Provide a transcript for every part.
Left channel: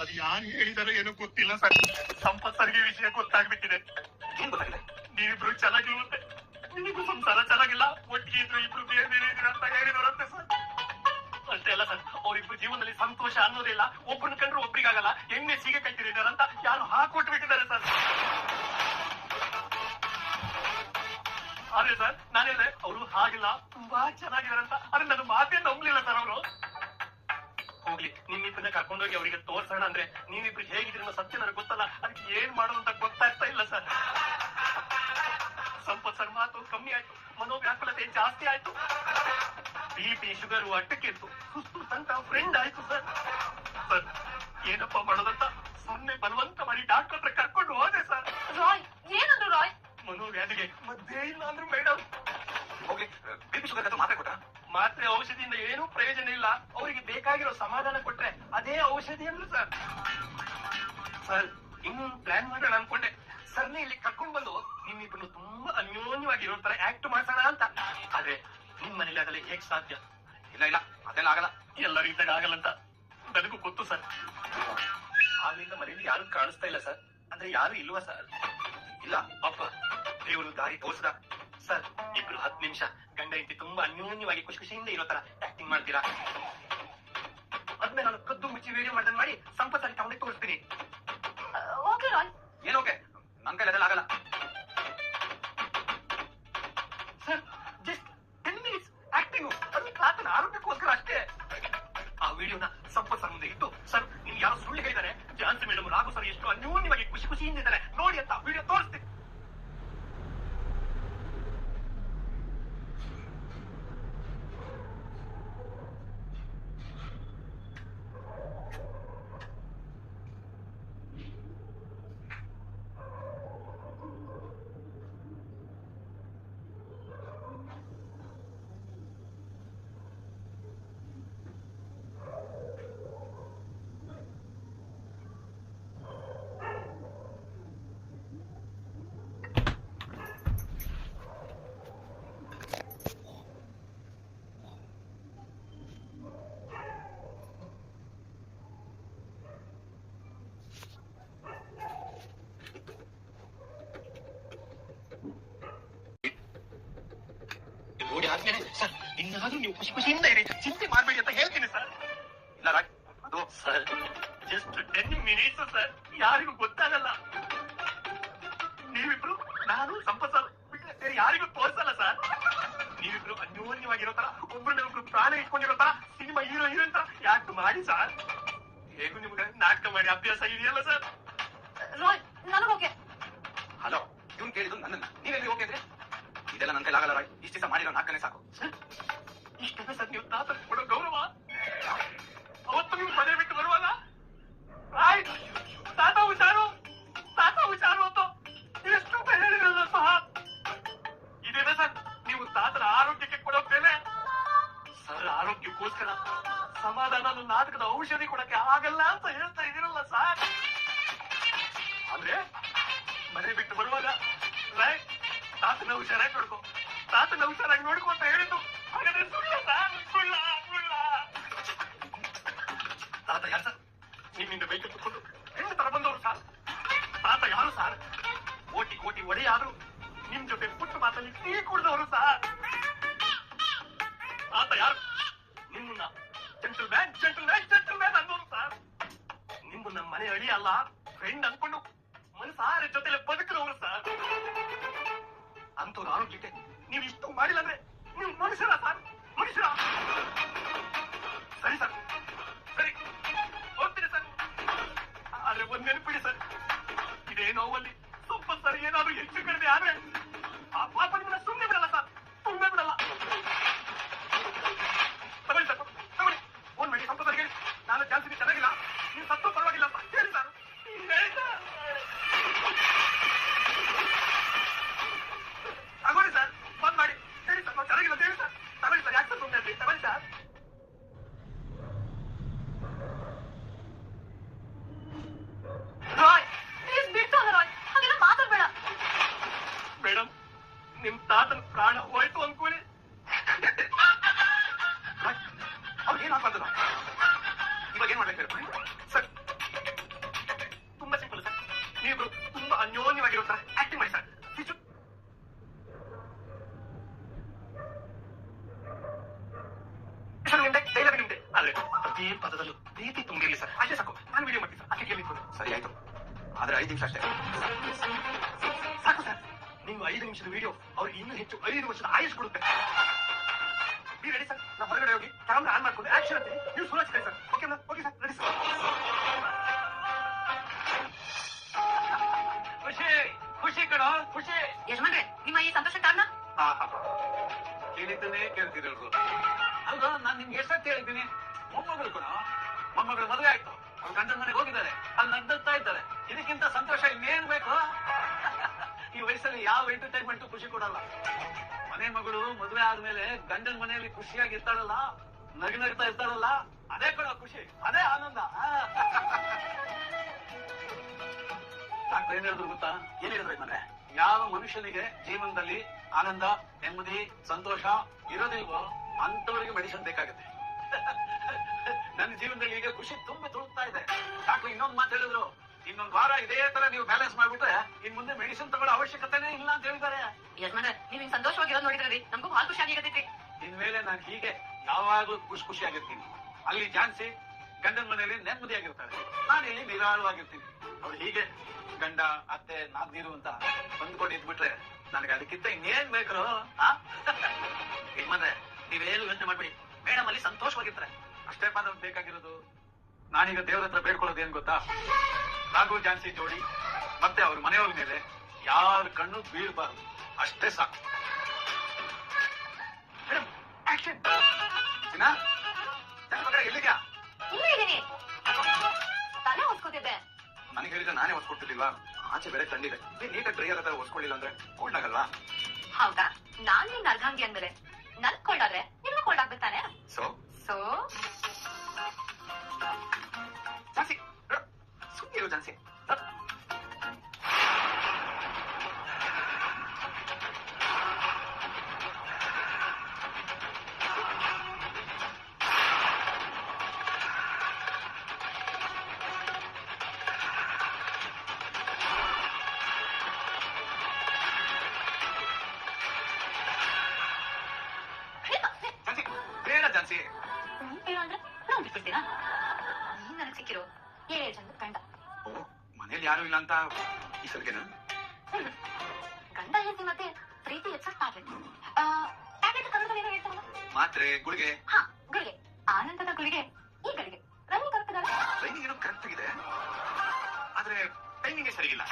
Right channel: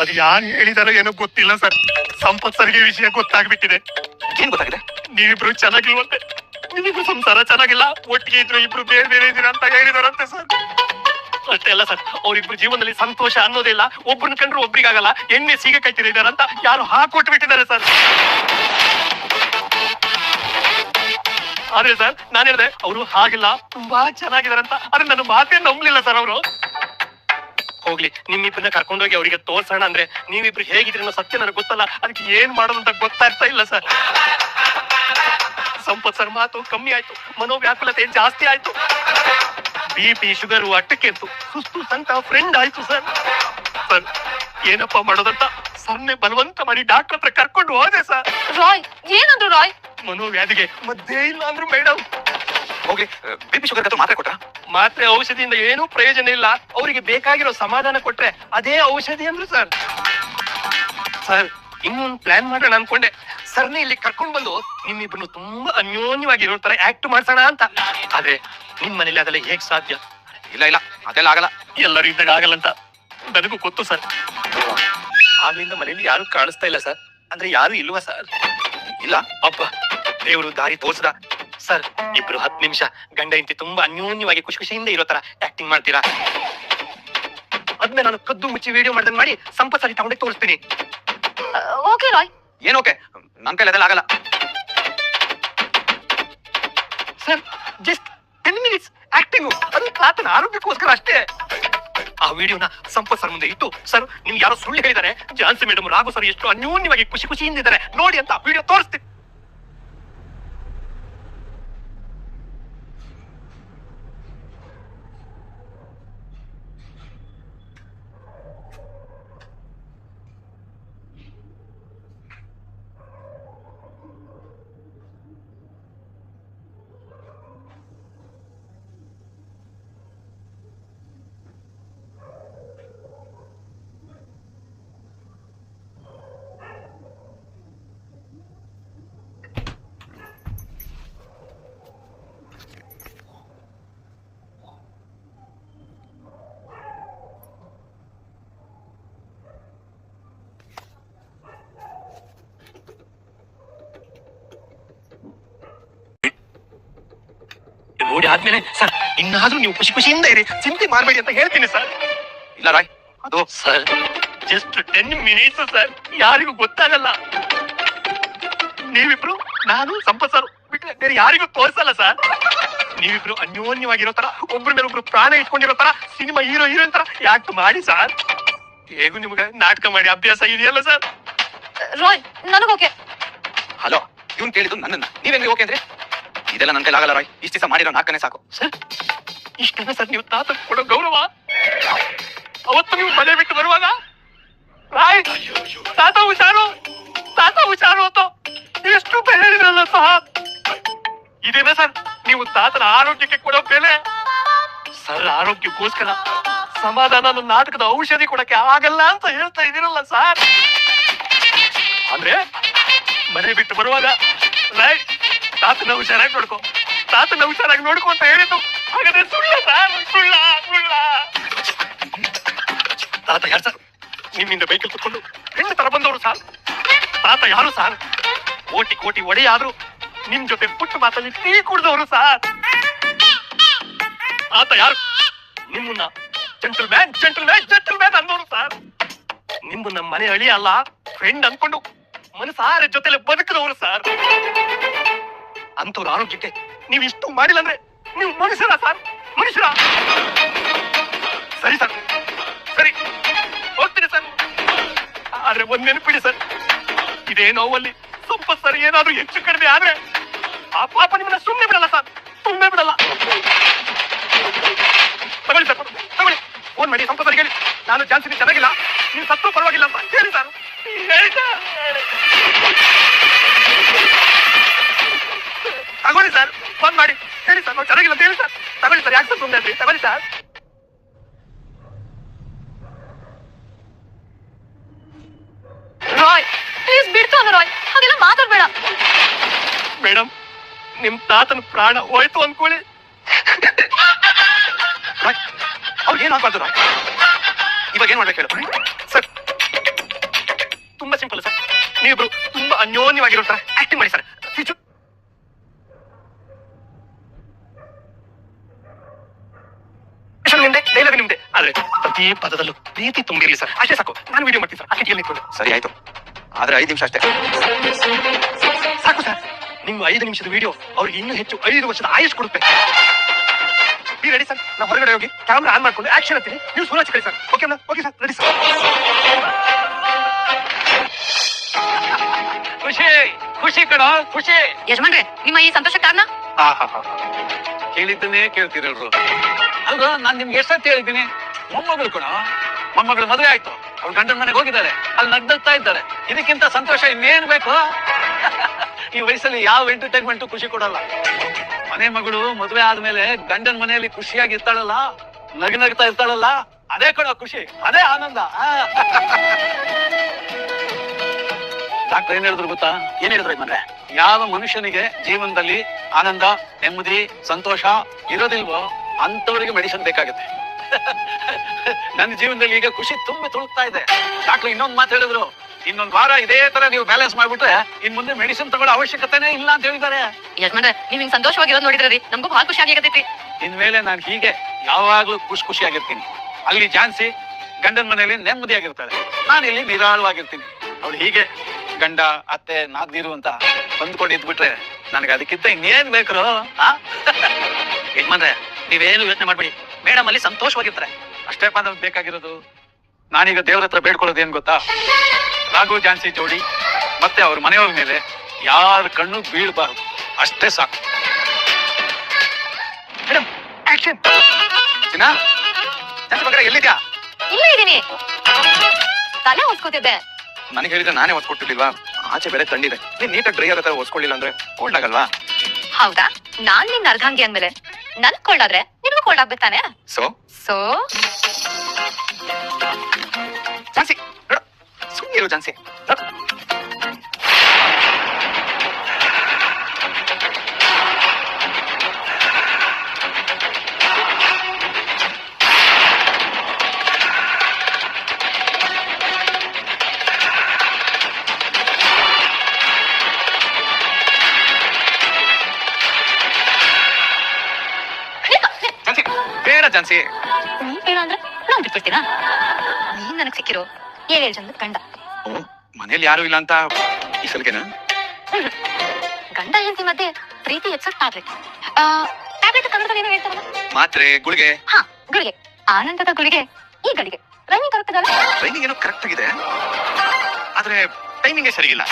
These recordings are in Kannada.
ಅದು ಯಾರು ಹೇಳಿದಾರೋ ಏನೋ ಗೊತ್ತಿಲ್ಲ ಸರ್. ಸಂಪತ್ ಸರ್ಗೆ ವಿಷಯ ಗೊತ್ತಾಗ್ಬಿಟ್ಟಿದೆ. ಏನ್ ಗೊತ್ತಾಗಿದೆ? ನೀವಿಬ್ರು ಚೆನ್ನಾಗಿಲ್ವಂತೆ, ನೀವಿಬ್ರು ಸಂಸಾರ ಚೆನ್ನಾಗಿಲ್ಲ, ಒಟ್ಟಿಗೆ ಇದ್ರು ಇಬ್ರು ಬೇರೆ ಬೇರೆ ಇದೀರ ಅಂತ ಹೇಳಿದಾರಂತೆ ಸರ್. ಅಷ್ಟೇ ಅಲ್ಲ ಸರ್, ಅವ್ರಿಬ್ರು ಜೀವನದಲ್ಲಿ ಸಂತೋಷ ಅನ್ನೋದಿಲ್ಲ, ಒಬ್ರನ್ನ ಕಂಡ್ರು ಒಬ್ರಿಗಾಗಲ್ಲ, ಎಣ್ಣೆ ಸೀಗೆ ಕಟ್ಟಿದಾರಂತ ಯಾರು ಹಾಕೊಟ್ಬಿಟ್ಟಿದ್ದಾರೆ ಸರ್. ಆದ್ರೆ ಸರ್ ನಾನು ಹೇಳಿದೆ ಅವರು ಹಾಗಿಲ್ಲ, ತುಂಬಾ ಚೆನ್ನಾಗಿದಾರಂತ. ಆದ್ರೆ ನನ್ನ ಮಾತೇ ನಂಬಲಿಲ್ಲ ಸರ್ ಅವರು. ಹೋಗ್ಲಿ, ನಿಮ್ಮಿಬ್ಬರನ್ನ ಕರ್ಕೊಂಡೋಗಿ ಅವರಿಗೆ ತೋರ್ಸೋಣ ಅಂದ್ರೆ ನೀವಿಬ್ರು ಹೇಗಿದ್ರಿ ಅನ್ನೋ ಸತ್ಯ ನನಗೆ ಗೊತ್ತಲ್ಲ, ಅದಕ್ಕೆ ಏನ್ ಮಾಡೋದು ಅಂತ ಗೊತ್ತಾಗ್ತಾ ಇಲ್ಲ ಸರ್. ಸಂಪತ್ ಸರ್ ಮಾತು ಕಮ್ಮಿ ಆಯ್ತು, ಮನೋವ್ಯಾಕುಲತೆ ಜಾಸ್ತಿ ಆಯ್ತು, BP ಶುಗರು ಅಟ್ಟಕ್ಕೆ ಇತ್ತು, ಸುಸ್ತು ಸಂತ ಫ್ರೆಂಡ್ ಆಯ್ತು ಸರ್. ಸರ್ ಏನಪ್ಪ ಮಾಡೋದಂತ ಸರ್ನೆ ಬಲವಂತ ಮಾಡಿ ಡಾಕ್ಟರ್ ಹತ್ರ ಕರ್ಕೊಂಡು ಹೋದೆ ಸರ್. ರಾಯ್ ಏನಂದ್ರು ರಾಯ್? ಮನೋವ್ಯಾಧಿಗೆ ಮದ್ದೇ ಇಲ್ಲ ಅಂದ್ರು ಮೇಡಮ್. ಹೋಗ್ಲಿ, BP ಶುಗರ್ ಹತ್ರ ಮಾತ್ರೆ ಕೊಟ್ರ? ಮಾತ್ರೆ ಔಷಧಿಯಿಂದ ಏನೂ ಪ್ರಯೋಜನ ಇಲ್ಲ, ಅವರಿಗೆ ಬೇಕಾಗಿರೋ ಸಮಾಧಾನ ಕೊಟ್ರೆ ಅದೇ ಔಷಧಿ ಅಂದ್ರು ಸರ್. ಸರ್ ಇನ್ನೊಂದು ಪ್ಲಾನ್ ಮಾಡೋಣ ಅನ್ಕೊಂಡೆ, ಸರ್ನೇ ಇಲ್ಲಿ ಕರ್ಕೊಂಡ್ ಬಂದು ನಿಮ್ಮಿಬ್ಬರು ತುಂಬಾ ಅನ್ಯೋನ್ಯವಾಗಿರೋ ತರ ಆಕ್ಟ್ ಮಾಡ್ಸೋಣ ಅಂತ. ಆದ್ರೆ ನಿಮ್ ಮನೇಲಿ ಅದೆಲ್ಲ ಹೇಗ್ ಸಾಧ್ಯ? ಇಲ್ಲ ಇಲ್ಲ, ಅದೆಲ್ಲ ಆಗಲ್ಲ. ಎಲ್ಲರೂ ಇದ್ದಾಗ ಆಗಲ್ಲ ಅಂತ ನನಗೂ ಗೊತ್ತು ಸರ್. ಆಗ್ಲಿಂದ ಮನೇಲಿ ಯಾರು ಕಾಣಿಸ್ತಾ ಇಲ್ಲ ಸರ್. ಅಂದ್ರೆ ಯಾರು ಇಲ್ವಾ ಸರ್? ಇಲ್ಲ. ಅಪ್ಪ ದೇವರು ದಾರಿ ತೋರ್ಸದ ಸರ್. ಇಬ್ರು 10 ನಿಮಿಷ ಗಂಡ ಹೆಂಡತಿ ತುಂಬಾ ಅನ್ಯೋನ್ಯವಾಗಿ ಖುಷಿ ಖುಷಿಯಿಂದ ಇರೋ ತರ ಆಕ್ಟಿಂಗ್ ಮಾಡ್ತೀರಾ? ಅದ್ಮೇಲೆ ನಾನು ಕದ್ದು ಮುಚ್ಚಿ ವಿಡಿಯೋ ಮಾಡ್ದಂಗ್ ಮಾಡಿ ಸಂಪತ್ ಸರಿ ತಗೊಂಡೆ ತೋರಿಸ್ತೀನಿ. ಓಕೆ ರಾಯ್. ಏನ್ ಓಕೆ? ನನ್ ಕೈಲಿ ಅದೆಲ್ಲ ಆಗಲ್ಲ ಸರ್. ಜಸ್ಟ್ 10 ಮಿನಿಟ್ಸ್ ಆಕ್ಟಿಂಗ್, ಅದು ತಾತನ ಆರೋಗ್ಯಕ್ಕೋಸ್ಕರ ಅಷ್ಟೇ. ಆ ವಿಡಿಯೋನ ಸಂಪತ್ ಸರ್ ಮುಂದೆ ಇಟ್ಟು, ಸರ್ ನಿಮ್ಗೆ ಯಾರೋ ಸುಳ್ಳು ಹೇಳಿದ್ದಾರೆ, ಜಾನ್ಸಿ ಮೇಡಮ್ ರಾಘು ಸರ್ ಎಷ್ಟು ಅನ್ಯೋನ್ಯವಾಗಿ ಖುಷಿ ಖುಷಿಯಿಂದ ಇದ್ದಾರೆ ನೋಡಿ ಅಂತ ವಿಡಿಯೋ ತೋರಿಸ್ತೀನಿ. ನೋಡಿ ಆದ್ಮೇಲೆ ಸರ್ ಇನ್ನಾದ್ರೂ ನೀವು ಖುಷಿ ಖುಷಿಯಿಂದ ಇರಿ, ಚಿಂತೆ ಮಾಡಬೇಡಿ ಅಂತ ಹೇಳ್ತೀನಿ ಸರ್. ಇಲ್ಲ ರಾಯ್, ಅದು ಸರ್ ಜಸ್ಟ್ 10 ಮಿನಿಟ್ಸ್ ಸರ್, ಯಾರಿಗೂ ಗೊತ್ತಾಗಲ್ಲ. ನೀವಿಬ್ರು, ನಾನು ಸಂಪತ್ ಸರ್ ಬಿಟ್ರೆ ಬೇರೆ ಯಾರಿಗೂ ತೋರಿಸಲ್ಲ ಸರ್. ನೀವಿಬ್ರು ಅನ್ಯೋನ್ಯವಾಗಿರೋ ತರ, ಒಬ್ರ ಮೇಲೆ ಒಬ್ರು ಪ್ರಾಣ ಇಟ್ಕೊಂಡಿರೋ ತರ, ಸಿನಿಮಾ ಹೀರೋ ಹೀರೋಯಿನ್ ತರ ಯಾಕೆ ಮಾಡಿ ಸರ್. ಹೇಗೂ ನಿಮ್ಗೆ ನಾಟಕ ಮಾಡಿ ಅಭ್ಯಾಸ ಇದೆಯಲ್ಲ ಸರ್. ರಾಯ್ ನನಗೋಕೆ. ಹಲೋ, ಇವ್ನು ಕೇಳಿದ್ದು ನನ್ನನ್ನ, ನೀವೇನ್ರಿ ಓಕೆ ಅಂದ್ರೆ? ಇದೆಲ್ಲ ನನ್ ಕೈಲಿ ಆಗಲ್ಲ ರಾಯ್, ಇಷ್ಟ ದಿವಸ ಮಾಡಿರೋ ನಾಲ್ಕನೇ ಸಾಕು. ಸರ್ ಇಷ್ಟನ್ನ ಸರ್ ನೀವು ತಾತ ಕೊಡೋ ಗೌರವ. ಅವತ್ತು ನೀವು ಮನೆ ಬಿಟ್ಟು ಬರುವಾಗ ರಾಯ್ ತಾತ ಹುಷಾರು, ತಾತ ಹುಷಾರು ಅಂತ ಎಷ್ಟು ಬೆಲೆ ಹೇಳಿದ್ರಲ್ಲ ಸರ್. ಇದೇನಾ ಸರ್ ನೀವು ತಾತನ ಆರೋಗ್ಯಕ್ಕೆ ಕೊಡೋ ಬೆಲೆ? ಸರ್ ಆರೋಗ್ಯಕ್ಕೋಸ್ಕರ ಸಮಾಧಾನ ನಾಟಕದ ಔಷಧಿ ಕೊಡಕ್ಕೆ ಆಗಲ್ಲ ಅಂತ ಹೇಳ್ತಾ ಇದೀರಲ್ಲ ಸರ್. ಅಂದ್ರೆ ಮನೆ ಬಿಟ್ಟು ಬರುವಾಗ ರಾಯ್ ತಾತನ ಹುಷಾರಾಗಿ ನೋಡ್ಕೊ, ತಾತನ ಹುಷಾರಾಗಿ ನೋಡ್ಕೊ ಅಂತ ಹೇಳಿದ್ದು ಹಾಗಾದ್ರೆ ಸುಳ್ಳ ಸರ್? ಸುಳ್ಳ ಸುಳ್ಳ. ತಾತ ಯಾರು ಸರ್? ನಿಮ್ಮಿಂದ ಬೈಕಲ್ಲಿ ಕುತ್ಕೊಂಡು ಹೆಣ್ಣು ತರ ಬಂದವರು ಸರ್. ತಾತ ಯಾರು ಸರ್? ಕೋಟಿ ಕೋಟಿ ಒಡೆಯಾದ್ರು ನಿಮ್ ಜೊತೆ ಪುಟ್ಟ ಮಾತಲ್ಲಿ ಟೀ ಕುಡ್ದವರು ಸರ್. ತಾತ ಯಾರು? ನಿಮ್ಮನ್ನ gentle man gentle man gentle man ಅನ್ನೋರು ಸರ್. ನಿಮ್ಮನ್ನ ಮನೆ ಅಳಿ ಅಲ್ಲ ಫ್ರೆಂಡ್ ಅನ್ಕೊಂಡು ಮನಸಾರ ಜೊತೆಲೆ ಬದುಕಿದವರು ಸರ್. ಅಂತವ್ರ ಆರೋಗ್ಯಕ್ಕೆ ನೀವು ಇಷ್ಟು ಮಾಡಿಲ್ಲ ಅಂದ್ರೆ ನೀವು ಮನುಷ್ಯರ ಸರ್? ಮನುಷ್ಯರ? ಸರಿ ಸರ್, ಸರಿ ಹೋಗ್ತೀನಿ ಸರ್. ಆದ್ರೆ ಒಂದ್ ನೆನಪಿಡಿ ಸರ್, ಇದೇ ನೋವಲ್ಲಿ ಸಂಪತ್ ಸರ್ ಏನಾದ್ರೂ ಹೆಚ್ಚು ಕಡಿಮೆ ಆದ್ರೆ ಆ ಪಾಪ ನಿಮ್ಮನ್ನ ಸುಮ್ಮನೆ ಬಿಡಲ್ಲ ಸರ್, ಸುಮ್ಮನೆ ಬಿಡಲ್ಲ. ತಗೊಳ್ಳಿ ಸರ್, ತಗೊಳ್ಳಿ, ಫೋನ್ ಮಾಡಿ ಸಂಪತ್ ಸರ್ ಹೇಳಿ ನಾನು ಜಾನ್ಸಿ ಚೆನ್ನಾಗಿಲ್ಲ, ನೀವು ಸತ್ರು ಪರವಾಗಿಲ್ಲ ಅಂತ ಹೇಳಿ ಸರ್. ಹೇಳಿ ಸರ್, ತಗೊಳ್ಳಿ ಸರ್, ಫೋನ್ ಮಾಡಿ ಹೇಳಿ ಸರ್ ನಾವು ಚೆನ್ನಾಗಿಲ್ಲ ಅಂತ ಹೇಳಿ ಸರ್. ತಗೊಳ್ಳಿ ಸರ್, ಯಾಕೆ ಸರ್ ಸುಮ್ಮನೆ ಆದ್ರಿ? ತಗೊಳ್ಳಿ ಸರ್. ರಾಯ್ ಪ್ಲೀಸ್ ಬಿಡ್ತು ಅನ್ನು ರಾಯ್, ಹಾಗೆಲ್ಲ ಮಾತಾಡ್ಬೇಡ. ಮೇಡಮ್ ನಿಮ್ ತಾತನ ಪ್ರಾಣ ಹೋಯ್ತು ಅನ್ಕೊಳ್ಳಿ, ಅವ್ರಿಗೆ ಏನಾಗ್ಬಾರ್ದು ರಾಯ್. ಇವಾಗ ಏನ್ ಮಾಡ್ಬೇಕು ಹೇಳು ಸರ್. ನೀವಿಬ್ರು ತುಂಬಾ ಅನ್ಯೋನ್ಯವಾಗಿರೋ ತರ ಆಕ್ಟಿಂಗ್ ಮಾಡಿ ಸರ್. ನಿಮ್ದೆ ಡೈಲಾಗ್ ನಿಮ್ದೆ, ಆದ್ರೆ ಪ್ರತಿ ಪದದಲ್ಲೂ ಪ್ರೀತಿ ತುಂಬಿರ್ಲಿ ಸರ್. ಅಷ್ಟೇ ಸಾಕು. ನಾನು ವಿಡಿಯೋ ಮಾಡ್ತೀನಿ ಸರ್. ಅಷ್ಟೇ ನಿಂತ್ಕೊಂಡು. ಸರಿ ಆಯ್ತು, ಆದ್ರೆ 5 ನಿಮಿಷ ಅಷ್ಟೇ ಸಾಕು ಸರ್. ನಿಮ್ಮ 5 ನಿಮಿಷದ ವಿಡಿಯೋ ಅವ್ರಿಗೆ ಇನ್ನೂ ಹೆಚ್ಚು 5 ವರ್ಷದ ಆಯುಷ್ ಕೊಡುತ್ತೆ. Be ready sir. ನಾವು ಹೊರಗಡೆ ಹೋಗಿ ಕ್ಯಾಮ್ರಾ ಆನ್ ಮಾಡ್ಕೊಂಡು ಆಕ್ಷನ್ ಅಂತೀನಿ. ನೀವು ಸುರ ಹಚ್ಕೊಳ್ಳಿ sir. Okay okay sir, ready sir. ಖುಷಿ ಖುಷಿ ಕಣ ಖುಷಿ. ಯಜಮಾನ್ರೆ, ನಿಮ್ಮ ಈ ಸಂತೋಷ ಕಾರಣ? ಕೇಳಿದ್ದನ್ನೇ ಕೇಳ್ತಿರಲ್ರು. ಅಲ್ವಾ, ನಾನ್ ನಿಮ್ಗೆ ಎಷ್ಟೊತ್ತು ಹೇಳಿದ್ದೀನಿ, ಮೊಮ್ಮಗಳು ಕಣ. ಮೊಮ್ಮಗಳು ಮದುವೆ ಆಯ್ತು, ಅವ್ರು ಗಂಡನ ಮನೆಗೆ ಹೋಗಿದ್ದಾರೆ, ಅಲ್ಲಿ ನಗ್ದಗ್ತಾ ಇದ್ದಾರೆ. ಇದಕ್ಕಿಂತ ಸಂತೋಷ ಇನ್ನೇನ್ ಬೇಕು? ಈ ವಯಸ್ಸಲ್ಲಿ ಯಾವ ಎಂಟರ್ಟೈನ್ಮೆಂಟ್ ಖುಷಿ ಕೊಡಲ್ಲ. ಮನೆ ಮಗಳು ಮದುವೆ ಆದ್ಮೇಲೆ ಗಂಡನ ಮನೆಯಲ್ಲಿ ಖುಷಿಯಾಗಿ ಇರ್ತಾಳಲ್ಲ, ನಗ್ನಗ್ತಾ ಇರ್ತಾಳಲ್ಲ, ಅದೇ ಕಣ ಖುಷಿ, ಅದೇ ಆನಂದ. ಡಾಕ್ಟರ್ ಏನ್ ಹೇಳಿದ್ರು ಗೊತ್ತಾ? ಏನ್ ಹೇಳಿದ್ರು ಯಜಮಾನ್ರೆ? ಯಾವ ಮನುಷ್ಯನಿಗೆ ಜೀವನದಲ್ಲಿ ಆನಂದ, ನೆಮ್ಮದಿ, ಸಂತೋಷ ಇರೋದಿಲ್ವೋ ಅಂತವರಿಗೆ ಮೆಡಿಸಿನ್ ಬೇಕಾಗುತ್ತೆ. ನನ್ನ ಜೀವನದಲ್ಲಿ ಈಗ ಖುಷಿ ತುಂಬಿ ತುಳುಕ್ತಾ ಇದೆ. ಡಾಕ್ಟರ್ ಇನ್ನೊಂದು ಮಾತು ಹೇಳಿದ್ರು, ಇನ್ನೊಂದು ವಾರ ಇದೇ ತರ ನೀವು ಬ್ಯಾಲೆನ್ಸ್ ಮಾಡ್ಬಿಟ್ರೆ ಇನ್ ಮುಂದೆ ಮೆಡಿಸಿನ್ ತಗೊಳ್ಳೋ ಅವಶ್ಯಕತೆನೇ ಇಲ್ಲ ಅಂತ ಹೇಳಿದ್ದಾರೆ. ಯಜಮಾನ್ರೆ, ನೀವ್ ಹಿಂಗ್ ಸಂತೋಷವಾಗಿರೋದು ನೋಡಿದ್ರಿ, ನಮಗೂ ಬಹಳ ಖುಷಿ ಆಗತೈತಿ. ಇನ್ಮೇಲೆ ನಾನು ಹೀಗೆ ಯಾವಾಗ್ಲೂ ಖುಷಿಯಾಗಿರ್ತೀನಿ. ಅಲ್ಲಿ ಜಾನ್ಸಿ ಗಂಡನ ಮನೆಯಲ್ಲಿ ನೆಮ್ಮದಿಯಾಗಿರ್ತಾಳೆ, ನಾನು ಇಲ್ಲಿ ನಿರಾಳವಾಗಿರ್ತೀನಿ. ಅವಳು ಹೀಗೆ ಗಂಡ ಅತ್ತೆ ನಾದ್ನೀರು ಅಂತ ಹೊಂದ್ಕೊಂಡು ಇದ್ಬಿಟ್ರೆ ನನಗೆ ಅದಕ್ಕಿಂತ ಇನ್ನೇನ್ ಬೇಕ್ರು? ಯಜಮಾನ್ರೆ, ನೀವೇನು ಯೋಚನೆ ಮಾಡ್ಬೇಡಿ, ಮೇಡಮ್ ಅಲ್ಲಿ ಸಂತೋಷವಾಗಿರ್ತಾರೆ. ಅಷ್ಟೇ ನಮ್ಗೆ ಬೇಕಾಗಿರೋದು. ನಾನೀಗ ದೇವ್ರ ಹತ್ರ ಬೇಡ್ಕೊಳ್ಳೋದು ಏನ್ ಗೊತ್ತಾ? ರಾಘು ಜಾನ್ಸಿ ಜೋಡಿ ಮತ್ತೆ ಅವ್ರ ಮನೆಯವ್ರ ಮೇಲೆ ಯಾರ ಕಣ್ಣು ಬೀಳ್ಬಾರ್ದು, ಅಷ್ಟೇ ಸಾಕು. Madam action. ಚಿನ್ನ, ಜಾನ್ಸಿ ಬಂಗಾರ ಎಲ್ಲಿದ್ಯಾ? ಇಲ್ಲೇ ಇದೀನಿ, ತಲೆ ಹೊಸ್ಕೋತಿದ್ದೆ. ನನಗೆ ಹೇಳಿದ್ರೆ ನಾನೇ ಒತ್ಕೊಟ್ಟಿರ್ಲಿಲ್ವಾ? ಆಚೆ ಬೇರೆ ತಣ್ಣಿದೆ, ನೀನ್ ನೀಟಾಗಿ ಡ್ರೈ ಆಗೋ ತರ ಒಸ್ಕೊಳ್ಳಿಲ್ಲ ಅಂದ್ರೆ ಕೋಲ್ಡ್ ಆಗಲ್ವಾ? ಹೌದಾ? ನಾನ್ ನಿನ್ನ ಅರ್ಧಾಂಗಿ ಅಂದ್ಮೇಲೆ ನನ್ ಕೋಲ್ಡ್ ಆದ್ರೆ ನಿನ್ಗೂ ಕೋಲ್ಡ್ ಆಗ್ಬೇಕಾನೆ. ಸೊ ಸೊ ಜಾನ್ಸಿ ಸುಮ್ಮನಿರು ಜಾನ್ಸಿ. ಜಾನ್ಸಿ ಬೇಡ ಜಾನ್ಸಿ. ನೀನ್ ಬೇಡ ಅಂದ್ರೆ ನಾನ್ ಬಿಟ್ಬಿಡ್ತೀನಾ? ನೀನ್ ನನಗ್ ಸಿಕ್ಕಿರೋ 7 ಜನದ ಗಂಡ. ಮನೇಲಿ ಯಾರು ಇಲ್ಲ ಅಂತ ಈ ಸಲಗೆನಾ? ಗಂಡ ಹೆಂಡತಿ ಮಧ್ಯೆ ಪ್ರೀತಿ ಹೆಚ್ಚಾಗ್ತಾರ್ರಿ. ಟ್ಯಾಬ್ಲೆಟ್ ಕನ್ನಡದಲ್ಲಿ ಏನೋ ಹೇಳ್ತಾರಲ್ಲ? ಮಾತ್ರೆ ಗುಳಿಗೆ. ಹಾ, ಗುಳಿಗೆ. ಆನಂದದ ಗುಳಿಗೆ, ಈ ಗಳಿಗೆ ರೈಮಿಂಗ್ ಕರೆಕ್ಟ್. ಟ್ರೈನಿಂಗ್ ಏನೋ ಕರೆಕ್ಟ್ ಆಗಿದೆ, ಆದ್ರೆ ಟೈಮಿಂಗ್ ಸರಿಗಿಲ್ಲ.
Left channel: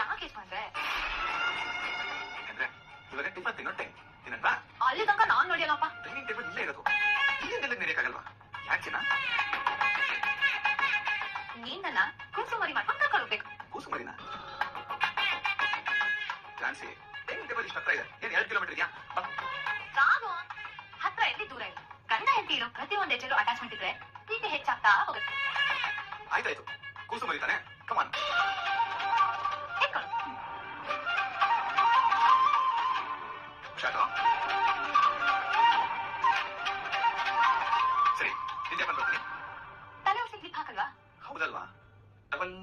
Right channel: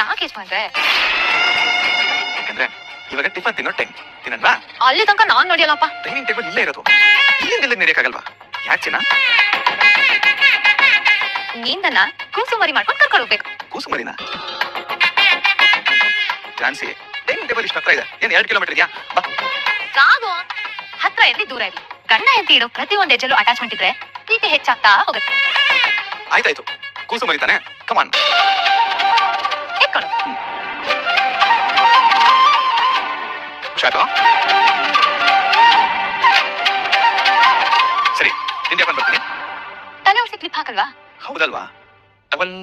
ಯಾಕೆ ಯಜಮಾನ್ರೆ? ಯಾಕಂದ್ರೆ ಇವಾಗ ಟಿಫನ್ ತಿನ್ನೋ ಟೈಮ್ ತಿನ್ನಲ್ವಾ? ಅಲ್ಲಿ ತನಕ ನಾನ್ ನೋಡಿಯಲ್ಲಪ್ಪ. ಟೈಮಿಂಗ್ ಟೇಬಲ್ ಇಲ್ಲೇ ಇರೋದು, ಇಲ್ಲಿಂದ ನಡೆಯಕ್ಕಾಗಲ್ವಾ? ಯಾಕೆ ಚಿನ್ನ? ನೀನ್ ನನ್ನ ಕೂಸುಮರಿ ಮಾಡ್ಕೊಂಡು ಕರ್ಕೊಂಡು ಹೋಗ್ಬೇಕು. ಕೂಸುಮರಿನಾ? ಜಾನ್ಸಿ, ಟೈಮಿಂಗ್ ಟೇಬಲ್ ಇಷ್ಟ ಹತ್ರ ಇದೆ, ಏನ್ 2 ಕಿಲೋಮೀಟರ್ ಇದೆಯಾ? ಬಾ. ಕಾದು ಹತ್ರ ಎಲ್ಲಿ ದೂರ ಇರಲಿ, ಗಂಡ ಹೆಂಡತಿ ಇರೋ ಪ್ರತಿ ಒಂದ್ ಹೆಜ್ಜೆಲ್ಲೂ ಅಟ್ಯಾಚ್ಮೆಂಟ್ ಇದ್ರೆ ಪ್ರೀತಿ ಹೆಚ್ಚಾಗ್ತಾ ಹೋಗುತ್ತೆ. ಆಯ್ತಾಯ್ತು, ಕೂಸುಮರಿ ತಾನೆ, ಕಮಾನ್ ಎತ್ಕೊಂಡು. ಹುಷಾರು. ಸರಿ, ತಿಂಡಿ ಹಾಕೊಂಡು ಬರ್ತೀನಿ. ತಲೆ ಉಳಿಸಿ ಕ್ಲಿಪ್ ಹಾಕಲ್ವಾ? ಹೌದಲ್ವಾ? ಡಬಲ್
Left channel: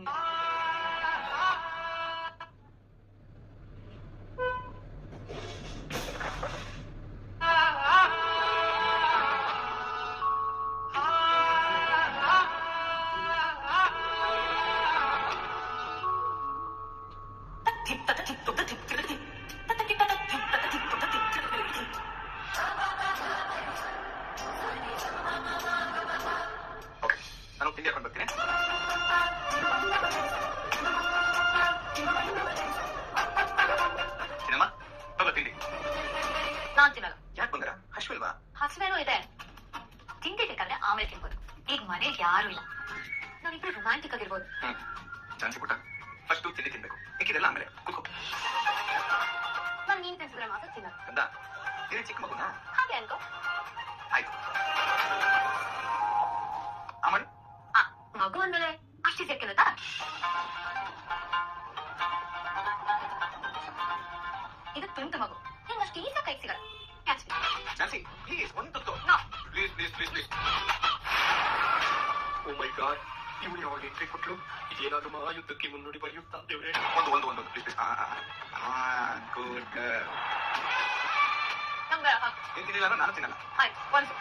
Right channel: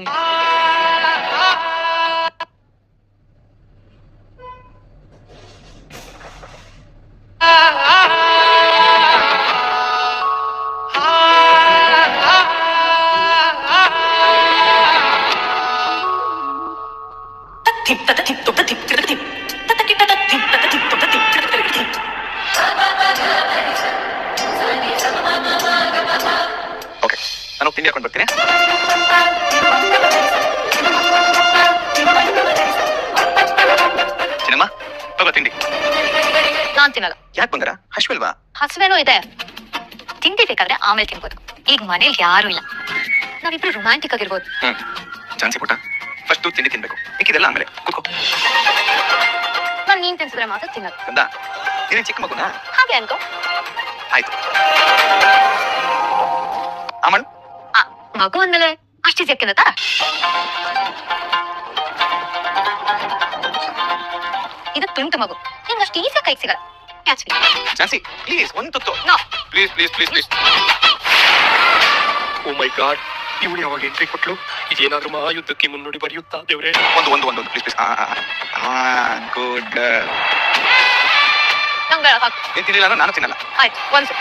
ಓಕೆ, ನಾನು ತಿಂಡಿ ಹಾಕೊಂಡು ಬರ್ತೀನಿ. ಚಿನ್ನಮ್ಮ, ತಗೋ ತಿಂಡಿ. ನಾನ್ ತಿನ್ನಲ್ಲ. ಯಾಕೆ ಬಂಗಾರ, ಹಶ್ವಿಲ್ವಾ? ಹಸುವೇನೂ ಇದೆ, ತಿಂಡಿ ಬೇಕಾದ್ರೆ ಆಮೇಲೆ ತಿನ್ಬೋದು. ಈಗ ಮನೇಲಿ ಯಾರು ಇಲ್ಲ, ನಾವಿಬ್ರು ರೊಮ್ಯಾಂಟಿಕ್ ಆಗಿರ್ಬೋದು. ಜಾನ್ಸಿ ಪುಟ್ಟ, ಫಸ್ಟ್ ತಿಂಡಿ ತಿನ್ಬೇಕು, ಮಿಕ್ಕಿದೆಲ್ಲ ಆಮೇಲೆ. ಕೂತ್ಕೋ. ನಾನ್ ನೀನ್ ತಿನ್ಸಿದ್ರೆ ಮಾತ್ರ ತಿನ್ನೋದು. ಗಂಧ, ನೀನೇ ಚಿಕ್ಕ ಮಗುನಾ? ಹಾಗೆ ಅನ್ಕೋ. ಆಯ್ತು. ಅಮನ್, ಮಗು ಅಂದ್ಮೇಲೆ ಅಷ್ಟು ಜಕ್ಕಿನತ. ಇದು ತುಂಟು ಮಗು, ನಿಂಗೆ ಅಷ್ಟು ಈಸಿ ಕೈ ಸಿಗಲ್ಲ. ಜಾನ್ಸಿ ಪ್ಲೀಸ್ ಒಂದು ತುತ್ತು. No. Please please please please. Oh my god, ಇವಳು ಯಾವಾಗ ಎಂಟ್ರಿ ಕೊಟ್ಲು? ಇದೇನಾದ್ರೂ ಮಹಾಯುದ್ಧಕ್ಕೆ ಮುನ್ನುಡಿ ಬರೆಯುತ್ತಾ ದೇವ್ರೆ? ಒಂದು ಪ್ಲೀಸ್ ಗುಡ್. ನಂಗೆ ಹಾಕು. ನೀನ್ ತಿನ್ನಿಲ್ಲ ಅಂದ್ರೆ ನಾನು ತಿನ್ನಲ್ಲ. ಆಯ್ತು, ಒಂದು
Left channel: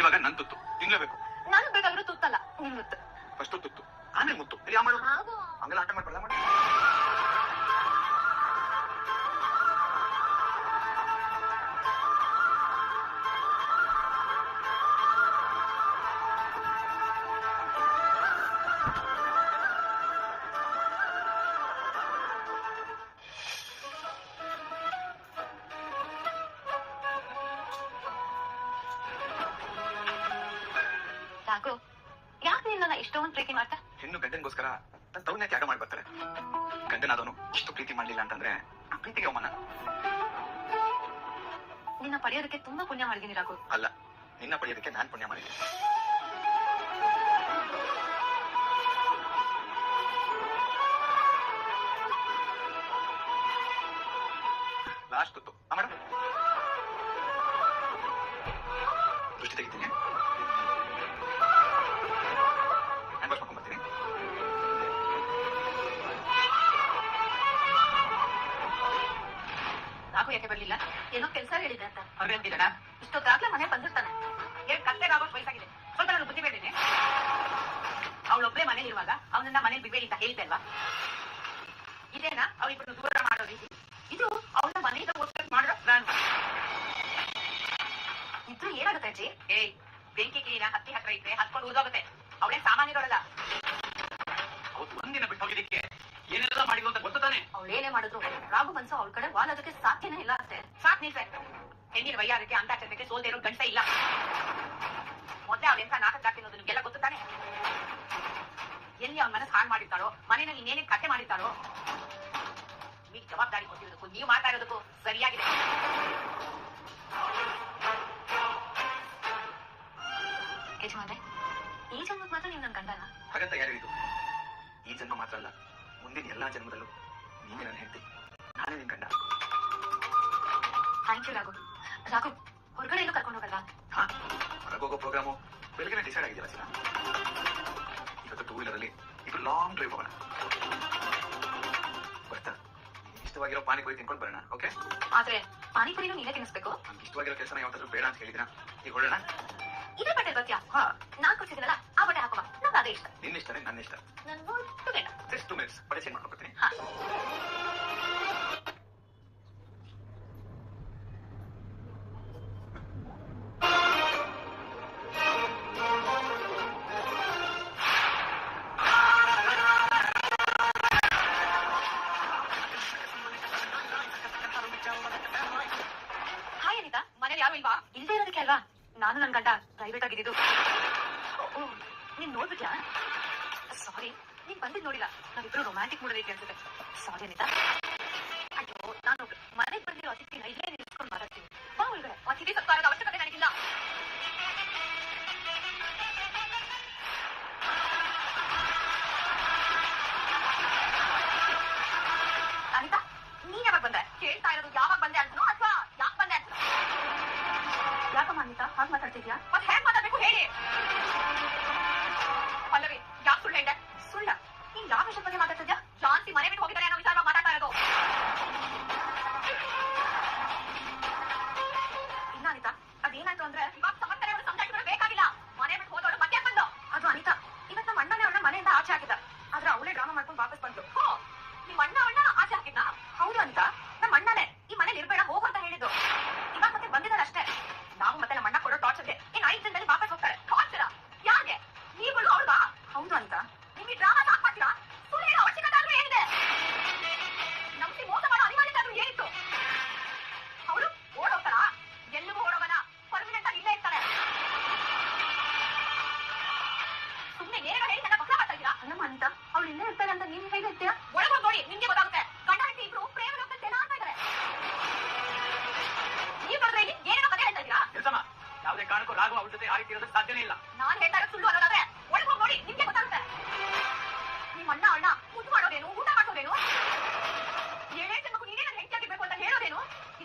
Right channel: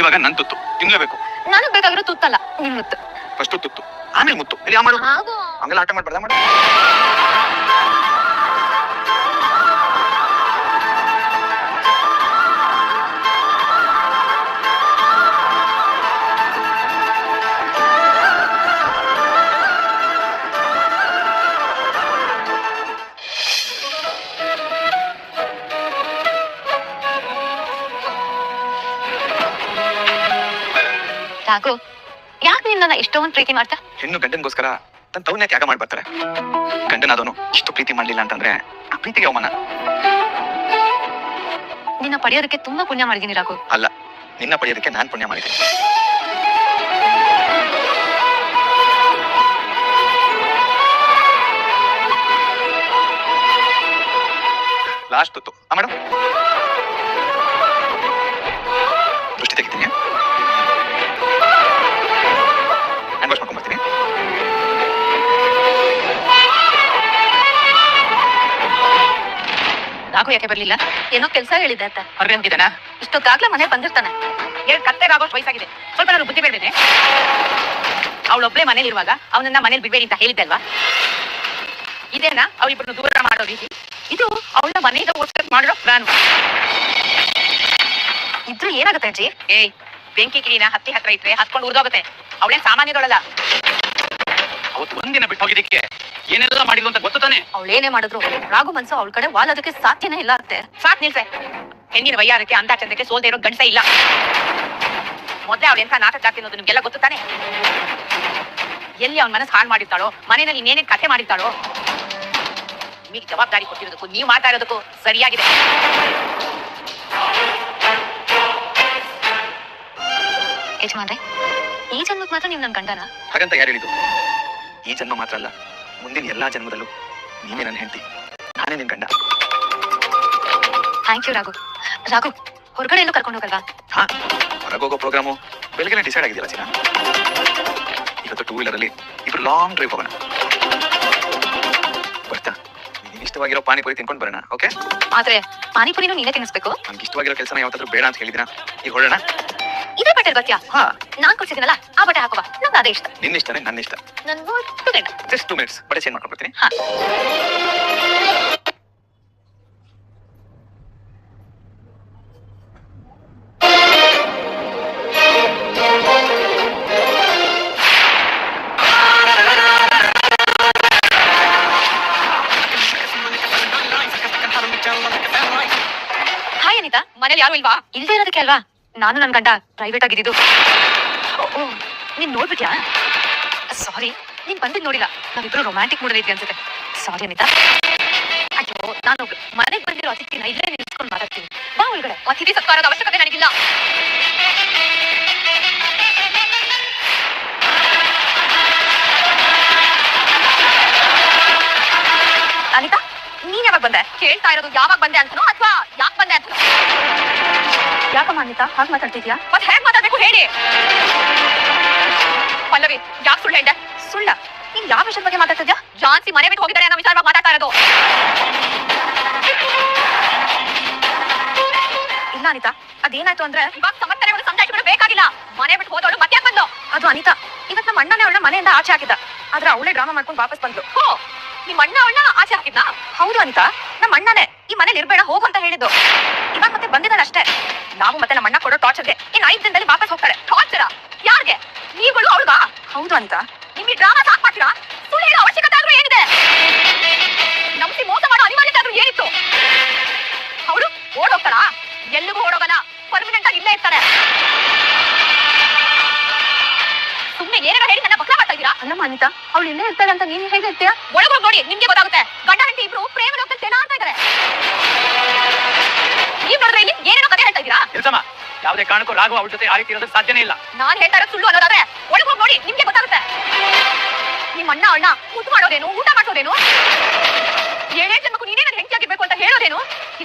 ಇವಾಗ ನನ್ ತುತ್ತು ತಿನ್ಲೇಬೇಕು. ನನಗ್ ಬೇಕಾಗಿರೋ ತುತ್ತಲ್ಲ, ನಿನ್ ಮುತ್ತು. ಫಸ್ಟ್ ತುತ್ತು ಆಮೇಲೆ ಮುತ್ತು. ಇಲ್ಲಿ ಯಾವ ಮಾಡು ಹಾಗೂ ಹಂಗೆಲ್ಲ ಆಟ ಮಾಡ್ಬಾರ್ದ ಮಾಡು. ರಾಘು, ಯಾಕೆ ನೀನ್ ನನ್ನ ಇಷ್ಟೊಂದು ಪ್ರೀತಿ ಮಾಡ್ತಾ? ಹೆಣ್ಣು ಗಂಡನ್ಗೋಸ್ಕರ ತನ್ನ ತವನ್ನೇ ತ್ಯಾಗ ಮಾಡ್ಬರ್ತಾರೆ. ಗಂಡನಾದವನು ಇಷ್ಟು ಪ್ರೀತಿ ಮಾಡ್ಲಿಲ್ಲ ಅಂತಂದ್ರೆ ಆ ಪ್ರೀತಿಗೆ ಅವಮಾನ. ನಿನ್ನ ಪಡೆಯೋದಕ್ಕೆ ತುಂಬಾ ಪುಣ್ಯ ಮಾಡಿದೀನಿ ರಾಘು. ಅಲ್ಲ, ನಿನ್ನ ಪಡೆಯೋದಕ್ಕೆ ನಾನ್ ಪುಣ್ಯ ಮಾಡಿದ್ದೀನಿ. ಲಾಸ್ಟ್ ತುತ್ತು ಮೇಡಮ್, ದೃಷ್ಟಿ ತೆಗಿತೀನಿ. Hand wash ಮಾಡ್ಕೊಂಡ್ಬರ್ತೀನಿ. ರಾಘು ಯಾಕೆ ಬರ್ಲಿಲ್ಲ? ಏನೋ ಕೆಲಸ ಹೇಳಿದ್ದೆ ಅಂತ. ಅರ್ಗಂತಿದ್ದಾನ? ಇಷ್ಟೊತ್ತಾಗ್ಲೇ ಮನೆ ಬಂದಿರ್ತಾನೆ. ಎರಡು ಕತ್ತೆಗಾಗೋಷ್ಟು ವಯಸ್ಸಾಗಿದೆ, ಸ್ವಲ್ಪ ನಾನು ಬುದ್ಧಿ ಬೇಡವೇನೆ? ಅವಳೊಬ್ಳೆ ಮನೇಲಿ ಇರುವಾಗ ಅವನನ್ನ ಮನೇಲಿ ಬಿಡ್ಬೇಡಿ ಅಂತ ಹೇಳಿದ್ದೆ ಅಲ್ವಾ? ಇದೇನಾ ಅವರಿಬ್ಬರನ್ನು ದೂರ ಮಾಡೋ ರೀತಿ? ಇದು ಅವಳ ಮನೆಯಿಂದ ಓಡಿಸ್ ಮಾಡೋ ಪ್ಲಾನ್. ಇದ್ರು ಏನಾಗುತ್ತೆ ಅಜ್ಜಿ? ಏಯ್, ಬೆಂಕಿ ಕಿಡಿನ ಹತ್ತಿ ಹತ್ರ ಇಟ್ರೆ ಹತ್ಕೊಂಡು ಉರಿದೋಗುತ್ತೆ. ಅವಳೇನ್ ಸಾಮಾನ್ಯದೊಳಲ್ಲ. ಅವತ್ತು ಒಂದಿನ ಬಿಟ್ಟು ಹೋಗಿದ್ದಕ್ಕೆ ಏನೆಲ್ಲ ಮಾಡಿದ್ಲು ಅಂತ ಗೊತ್ತು ತಾನೆ? ಅವಳೇನೇ ಮಾಡಿದ್ರು ರಾಘು ಮನ್ಸು ಅವಳ ಕಡೆ ವಾಲೋದಕ್ಕೆ ಸಾಧ್ಯನೇ ಇಲ್ಲ ಅತ್ತೆ. ಸಾಕ್ ನಿಲ್ಸೆ. ಹೆಣ್ಣಿನ ವಯ್ಯಾರಕ್ಕೆ ಅಂತ ಚಂದಕ್ಕೆ ಸೋಲ್ದೇ ಇರೋ ಗಂಡಸೇ ಇಲ್ಲ. ಮೊದ್ಲೇ ಅವಳು ಎಂಥ ನಾಟಕ ಜಾತಿ ಅನ್ನೋದು ನಿಮ್ಗೆಲ್ಲ ಗೊತ್ತು ತಾನೆ? ಎಲ್ಲಿ ಅವನ ಮನಸ್ಸು ಹಾಳು ಮಾಡಿರ್ತಾಳೋ, ಮನೆಯಲ್ಲಿ ಇನ್ನೇನೇನ್ ಕಥೆ ಮಾಡಿರ್ತಾಳೋ. ನಿಮಗೆ ಜವಾಬ್ದಾರಿ ಕೊಟ್ಟಿರೋದಕ್ಕೂ ನೀವು ಮಾಡ್ತಾ ಇರೋದಕ್ಕೂ ಸರಿಯಾಗಿದೆ. ಯಜಮಾನ್ರೆ, ಈ ಜನ್ಮಕ್ಕೆ ಮಾತ್ರ ನೀವು ನನ್ ಗಂಡನ? ಹಾಗಂತ ಯಾರು ಹೇಳಿದ್ದು? ಈ ಜನ್ಮ ಮಾತ್ರ ಅಲ್ಲ, ಮುಂದಿನ ಎಲ್ಲಾ ಜನ್ಮದಲ್ಲೂ ನೀವೇ ನನ್ನ ಹೆಂಡತಿ, ನಾನೇ ನಿನ್ ಗಂಡ. Thank you Raghu. ರಾಘು, ಹೊರಗಡೆ ಎಲ್ಲೂ ಕರ್ಕೊಂಡು ಹೋಗಲ್ವಾ? ಹಾ, ಹೊರಗೋಗೋ ಪ್ರೋಗ್ರಾಮು ಬೆಳಗ್ಗೆ ಡಿಸೈಡ್ ಆಗಿದೆಯಲ್ಲ ಚಿನ್ನ. ಇವತ್ತು 2 ವೀಲರ್ ಅಲ್ಲಿ ಇಬ್ರು ಲಾಂಗ್ ಡ್ರೈವ್ ಹೋಗೋಣ. ಬರ್ತಾ ನಿನ್ ಇಷ್ಟವಾಗಿರೋ ಪಾನಿಪುರಿ ತಿನ್ಕೊಂಡು ಬರೋಣ. ಓಕೆ? ಆದ್ರೆ ಪಾನಿಪುರಿನೂ ನೀನೇ ತಿನ್ನಿಸ್ಬೇಕು. ನನ್ಗೆ ಇಷ್ಟವಾಗಿರೋ ಕೆಲಸನ ಯಾವತ್ತಾದ್ರೂ ಬೇಡ ಅಂತ ಹೇಳಿದಿನ? ಈಗ ಹೊರಡೋಣ. ಇದೇ ಬಟ್ಟೆ ಬರ್ತೀಯಾ? ಹಾ, ನಾನ್ ಕೊಡ್ಸಿದ್ದೀನಲ್ಲ ಆ ಬಟ್ಟೆ ಹಾಕೋಬಾ. ನಂಗೆ ಅದೇ ಇಷ್ಟ. ನಿನ್ನ ಇಷ್ಟನೇ ನನ್ನ ಇಷ್ಟ. ನನ್ ಮುದ್ದು ಗಂಡ. ಜಸ್ಟ್ 2 ಮಿನಿಟ್ಸ್ ಬಟ್ಟೆ ಚೇಂಜ್ ಮಾಡ್ಕೊಂಡು ಬರ್ತೀನಿ. ಹಾ. ಹಾಯ್ ಅನಿತಾ, ಮನೇಲಿ ಯಾರು ಇಲ್ವಾ? ಇಲ್ದೇ ಇರೋದಕ್ಕೆ ಅಲ್ವಾ ನಾನು ನನ್ ಗಂಡ ಪ್ರೈವೇಟ್ ಆಗಿದ್ದು. ನೀನ್ ನೋಡ್ಬಿಟ್ಯಾ? ಸಾರಿ, ನೀನ್ ಬಂದಿದ್ ನೋಡಿಲ್ಲ. ನಾವಿಬ್ರು ರೊಮ್ಯಾಂಟಿಕ್ ಮೂಡ್ ಐತಿ ಅನ್ಸುತ್ತೆ. ಸಾರಿ ಅನಿತಾ. ಅಯ್ಯೋ, ನಾನು ಮನೆಗ್ ಬಂದಿರೋ ಅತಿಥಿನ ಇಲ್ಲೇ ನಿಲ್ಸ್ಕೊಂಡು ಮಾತಾಡ್ತೀನಿ. ಬಾ ಒಳಗಡೆ. ಅತಿಥಿ ಸತ್ಕಾರದ ಅವಶ್ಯಕತೆ ನನಗಿಲ್ಲ. ಅನಿತಾ, ನೀನ್ ಯಾವಾಗ ಬಂದೆ? ಕೇಳ್ತಾ ಇರೋದು ಯಾವಾಗ ಬಂದೆ ಅಂತನೋ ಅಥವಾ ಯಾಕೆ ಬಂದೆ ಅಂತನೋ? ಯಾಕಮ್ಮ ಅನಿತಾ ಹಾಗೆ ಮಾತಾಡ್ತಿದ್ಯಾ? ಮತ್ತೆ ಹೇಗ್ ಮಾತಾಡ್ಬೇಕು ಹೇಳಿ. ಪಲ್ಲವಿ, ಯಾಕೆ ಸುಳ್ಳು ಹೇಳ್ದೆ? ಸುಳ್ಳ? ನೀನ್ ಯಾವ ವಿಷಯದ ಬಗ್ಗೆ ಮಾತಾಡ್ತಿದ್ಯಾ? ಜಾನ್ಸಿ ಮನೆ ಬಿಟ್ಟು ಹೋಗಿದ್ದಾರೆ ಅನ್ನೋ ವಿಚಾರವಾಗಿ ಮಾತಾಡ್ತಾ ಇರೋದು. ಇಲ್ಲ ಅನಿತಾ, ಅದೇನಾಯ್ತು ಅಂದ್ರೆ ಇವಾಗ ಸಮರ್ಥನೆ ಒಂದು ಸಂಜಾಯಿಸಿಗಳು ಬೇಕಾಗಿಲ್ಲ. ಮನೆ ಬಿಟ್ಟು ಹೋದವಳು ಮತ್ತೆ ಯಾಕೆ ಬಂದು? ಅದು ಅನಿತಾ, ಇವತ್ತು ನಮ್ಮ ಅಣ್ಣನೇ ಅವಳನ್ನ ಮನೆಯಿಂದ ಆಚೆ ಹಾಕಿದ್ದ. ಆದ್ರೆ ಅವಳೇ ಡ್ರಾಮಾ ಮಾಡ್ಕೊಂಡು ವಾಪಸ್ ಬಂದ್ಲು. ಹೋ, ನಿಮ್ಮ ಅಣ್ಣ ಅವಳನ್ನ ಆಚೆ ಹಾಕಿದ್ನಾ? ಹೌದು ಅನಿತಾ, ನಮ್ಮ ಅಣ್ಣನೇ ಈ ಮನೇಲಿ ಇರ್ಬೇಡ ಹೋಗು ಅಂತ ಹೇಳಿದ್ದು. ಇವಾಗ ಮತ್ತೆ ಬಂದಿದ್ದಾಳೆ ಅಷ್ಟೇ. ನಾವು ಮತ್ತೆ ನಮ್ಮ ಅಣ್ಣ ಕೊಡೋ ಟಾರ್ಚರ್ಗೆ ಇನ್ನು 5 ದಿನದಲ್ಲಿ ವಾಪಸ್ ಹೋಗ್ತಾಳೆ. ಟಾರ್ಚರ? ಯಾರಿಗೆ? ನೀವುಗಳು ಅವಳಗ? ಹೌದು ಅನಿತಾ. ನಿಮಗೆ ಡ್ರಾಮಾ ಸಾಕ್ ಮಾಡ್ತೀರಾ? ಸುಳ್ಳು ಹೇಳೋ ಅವಶ್ಯಕತೆ ಆದ್ರೂ ಏನಿದೆ? ನಂಬಿಸಿ ಮೋಸ ಮಾಡೋ ಅನಿವಾರ್ಯತೆ ಆದ್ರೂ ಏನಿತ್ತು? ಅವಳು ಓಡೋಗ್ತಾಳ? ಎಲ್ಲಿಗೂ ಓಡೋಗಲ್ಲ, ಪರ್ಮನೆಂಟ್ ಆಗಿ ಇಲ್ಲೇ ಇರ್ತಾರೆ. ಸುಮ್ಮನೆ ಏನಾರ ಹೇಳಿ ನನ್ನ ಬಕ್ಲ ಮಾಡ್ತಾ ಇದ್ದೀರಾ? ಅಲ್ಲಮ್ಮ ಅನಿತಾ, ಅವಳು ಇಲ್ಲೇ ಇರ್ತಾಳೆ ಅಂತ ನೀನ್ ಹೇಗೆ ಹೇಳ್ತೀಯಾ? ಒಳಗೋಗಿ ನೋಡಿ, ನಿಮ್ಗೆ ಗೊತ್ತಾಗುತ್ತೆ. ಗಂಡ ಹೆಂಡತಿ ಇಬ್ರು ಪ್ರೇಮ ಲೋಕದಲ್ಲಿ ತೇಲಾಡ್ತಾ ಇದ್ದಾರೆ. ನೀವ್ ನೋಡಿದ್ರೆ ಇಲ್ಲಿ ಏನೇನೋ ಕಥೆ ಹೇಳ್ತಾ ಇದ್ದೀರಾ? ಇಲ್ಸಮ್ಮ, ಯಾವುದೇ ಕಾರಣಕ್ಕೂ ರಾಘು ಅವಳ ಜೊತೆ ಆ ರೀತಿ ಇರೋದಕ್ಕೆ ಸಾಧ್ಯನೇ ಇಲ್ಲ. ನಾನ್ ಹೇಳ್ತಾ ಇರೋದು ಸುಳ್ಳು ಅನ್ನೋದಾದ್ರೆ ಒಳಗೋಗಿ ನೋಡಿ, ನಿಮ್ಗೆ ಗೊತ್ತಾಗುತ್ತೆ. ನಿಮ್ಮ ಅಣ್ಣ ಅವಳನ್ನ ಮುದ್ದು ಮಾಡೋದೇನು, ಊಟ ಮಾಡ್ಸೋದೇನು, 7 ಜನ್ಮಕ್ಕೂ ನೀನೇ ನನ್ನ ಹೆಂಡತಿಯಾಗಿರ್ಬೇಕು ಅಂತ ಹೇಳೋದೇನು?